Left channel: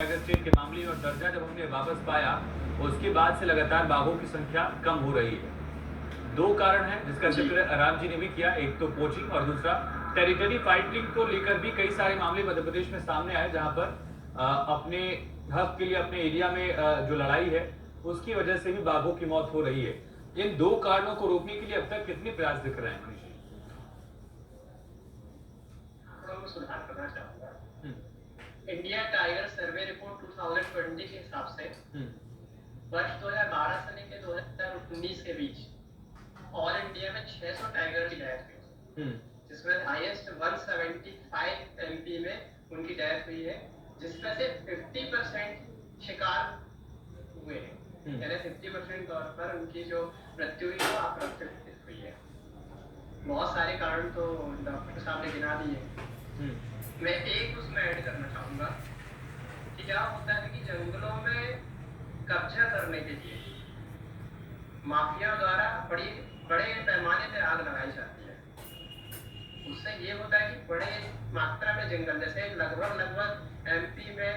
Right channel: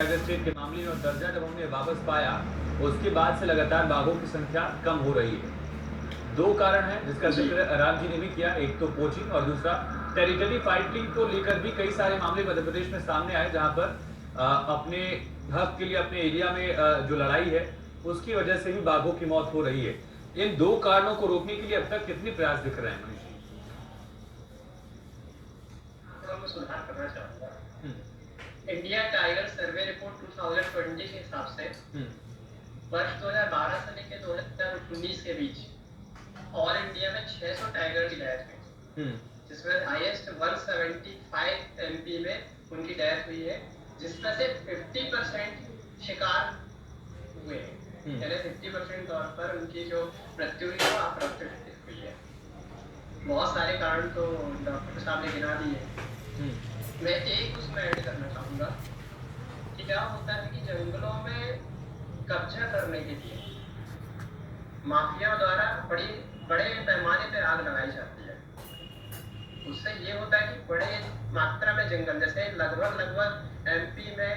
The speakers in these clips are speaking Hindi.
टाइगर स्टेट के मामले और दर्जा जब हमने वापस पाया, उसके बाद से लगातार बाघों की संख्या कम हो रही है। दो कारण हैं जिसका जिक्र राम जी ने भी किया, एक तो पोचिंग और दूसरा टेरिटरी फाइटिंग को लेकर भी कई सारे मामले मध्य प्रदेश में सामने आए, जहां पर अपने हक के लिए अपने एरिया में जो लड़ाई है उसकी वजह से भी बाघों की मौत हो रही है। इन दो कारणों को रोकने के लिए अब तक कितने प्रयास दिख रहे हैं मनीष जी? मैं सुधार करना चाहूंगा। इंडिया टाइगर सर्वे रिपोर्ट 2020 के हिसाब से वर्ष 2012 से लेकर 2019 के बीच ऑल इंडिया में 600 टाइगर की डेथ हुई, जिसमें हाईएस्ट 175 एमपी में उनकी डेथ हुई है, जिसमें से 50% शिकार हुए हैं, यानी 50% तौर पर उनकी जो मृत्यु हुई वो अप्राकृतिक हुई है। बहुत सारे कारण तो डॉक्टर साहब ने गिना दिए। मैं एक उसमें ऐड करना चाहूंगा कि क्या होता है कि जंगलों में कब्जा करने के लिए माफिया द्वारा बड़े पैमाने पर आग लगाई जाती है। उससे ये होता है कि बड़े मात्रा में जंगल, जैसे लगभग एमपी में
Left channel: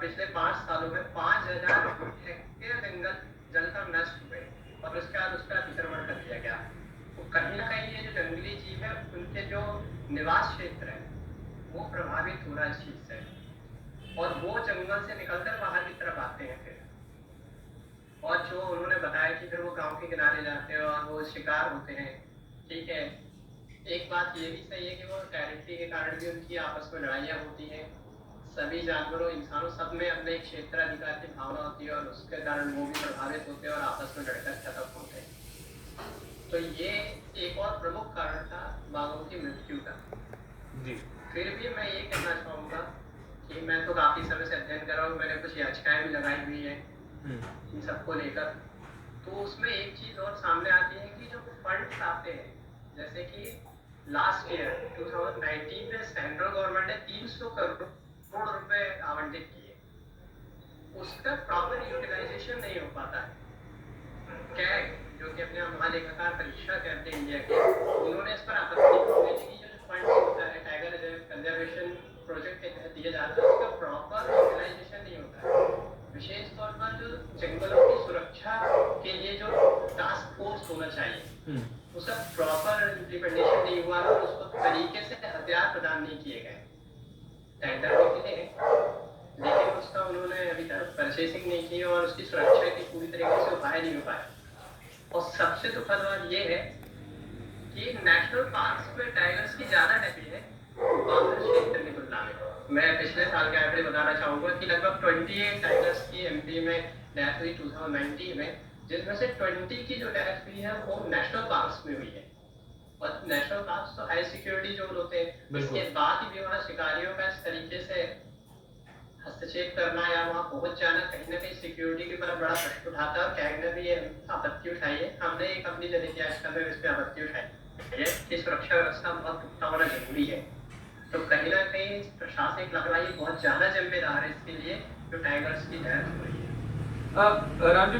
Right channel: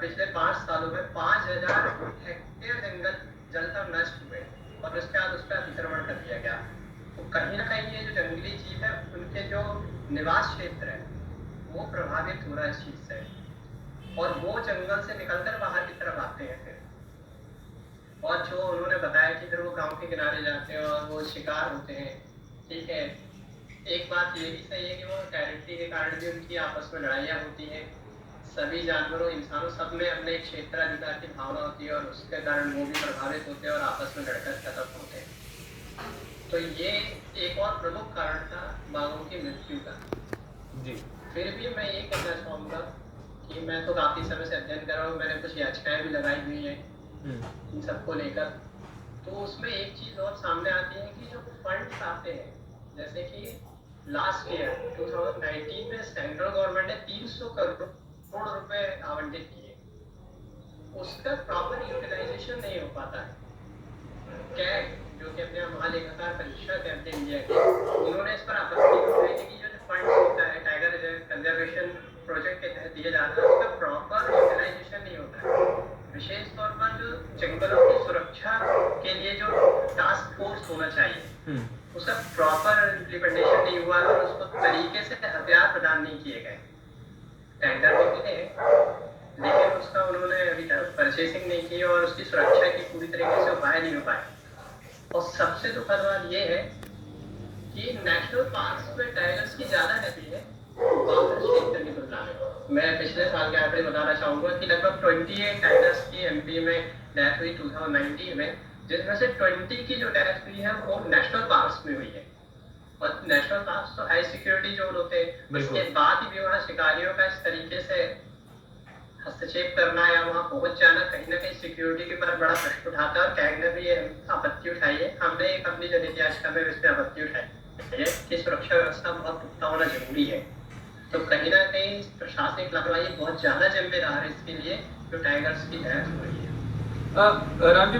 पिछले 5 सालों में 5000 हेक्टेयर जंगल जलकर नष्ट हुए और उसके बाद उस पर अतिक्रमण कर दिया गया। तो कहीं ना कहीं ये जो जंगली जीव है उनके जो निवास क्षेत्र है वो प्रभावित हो रहा है इस चीज से, और वो जंगल से निकलकर बाहर की तरफ आते हैं फिर, और जो उन्होंने बताया कि फिर वो गांव के किनारे जाते हैं और वो शिकार होते हैं। ठीक है, एक बात ये भी सही है कि वो टेरिटरी के कारण भी उनकी आपस में लड़ाइयाँ होती हैं। सभी जानवरों इंसानों सब में अपने क्षेत्राधिकार की भावना होती है और उसके कारण वो भी प्रभावित होते हैं और आपस में लड़कर खत्म होते हैं। तो ये एक और प्रमुख कारण था बाघों की मृत्यु का। जी। फिर भी मैं ये कहना चाहूंगा कि मैं तो काफी समय से अध्ययन कर रहा हूँ, मैंने कुछ याचिकाएं भी लगाई हुई है इन सबको लेकर। तो उसमें एक चीज और सामने आती है कि जो फंड्स आते हैं, जैसे कि लास्ट ईयर 2019 में सेंट्रल गवर्नमेंट ने 300 करोड़ रुपए आवंटित किए, उसका प्रॉपर यूटिलाइजेशन नहीं हो पाता है। कैग, जो कि अपने महालेखाकार परीक्षा करते हैं इंडिया के, उन्होंने इस पर आपत्ति उठाई थी कि जो फंड होता है टाइगर कंजर्वेशन प्रोजेक्ट के तहत दिया जाता है उसका प्रॉपर यूटिलाइजेशन नहीं होता है। विशेष तौर पर जो जंगलों की सुरक्षा के लिए जो टास्क फोर्स होना चाहिए उसका प्रॉपर इम्प्लीमेंटेशन नहीं हुआ और उसको तरीके से हथियार प्रदान नहीं किए गए। टेंडर भी मिले लेकिन उसका उन्होंने अभी तक परचेसिंग नहीं की और उसकी सुरक्षा की पूरी तरीके से उपाय नहीं हो पाए। और सबसे दुखद बात यह है कि नेशनल पार्क्स में टाइगर्स की ज्यादा रहती है बाहर क्षेत्र की तुलना में। मैं पिछले साल का एवरेज बताना चाहूंगा कि लगभग 28 टाइगर्स की एमपी में डेथ हुई 2019 में, जिसमें से 20 की जो डेथ हुई है वो नेशनल पार्क्स में हुई है। और नेशनल पार्क्स तो हाई सिक्योरिटी जोन होते हैं, इसके बाद ही भी वहाँ शिकारियों का इस तरीके से हस्तक्षेप करना या वहां पहुंच जाना कहीं ना कहीं सिक्योरिटी के ऊपर बड़ा प्रश्न उठाता है। और कैग ने भी आपत्ति उठाई है, हमने एक अपनी जनहित याचिका में इस पर आपत्ति उठाई है कि सुरक्षा व्यवस्था बहुत पुख्ता होना जरूरी है। तो कहीं ना कहीं प्रशासनिक लापरवाही बहुत ज्यादा जिम्मेदार है इसके लिए जो टाइगर्स की डेथ हो रही है। राम जी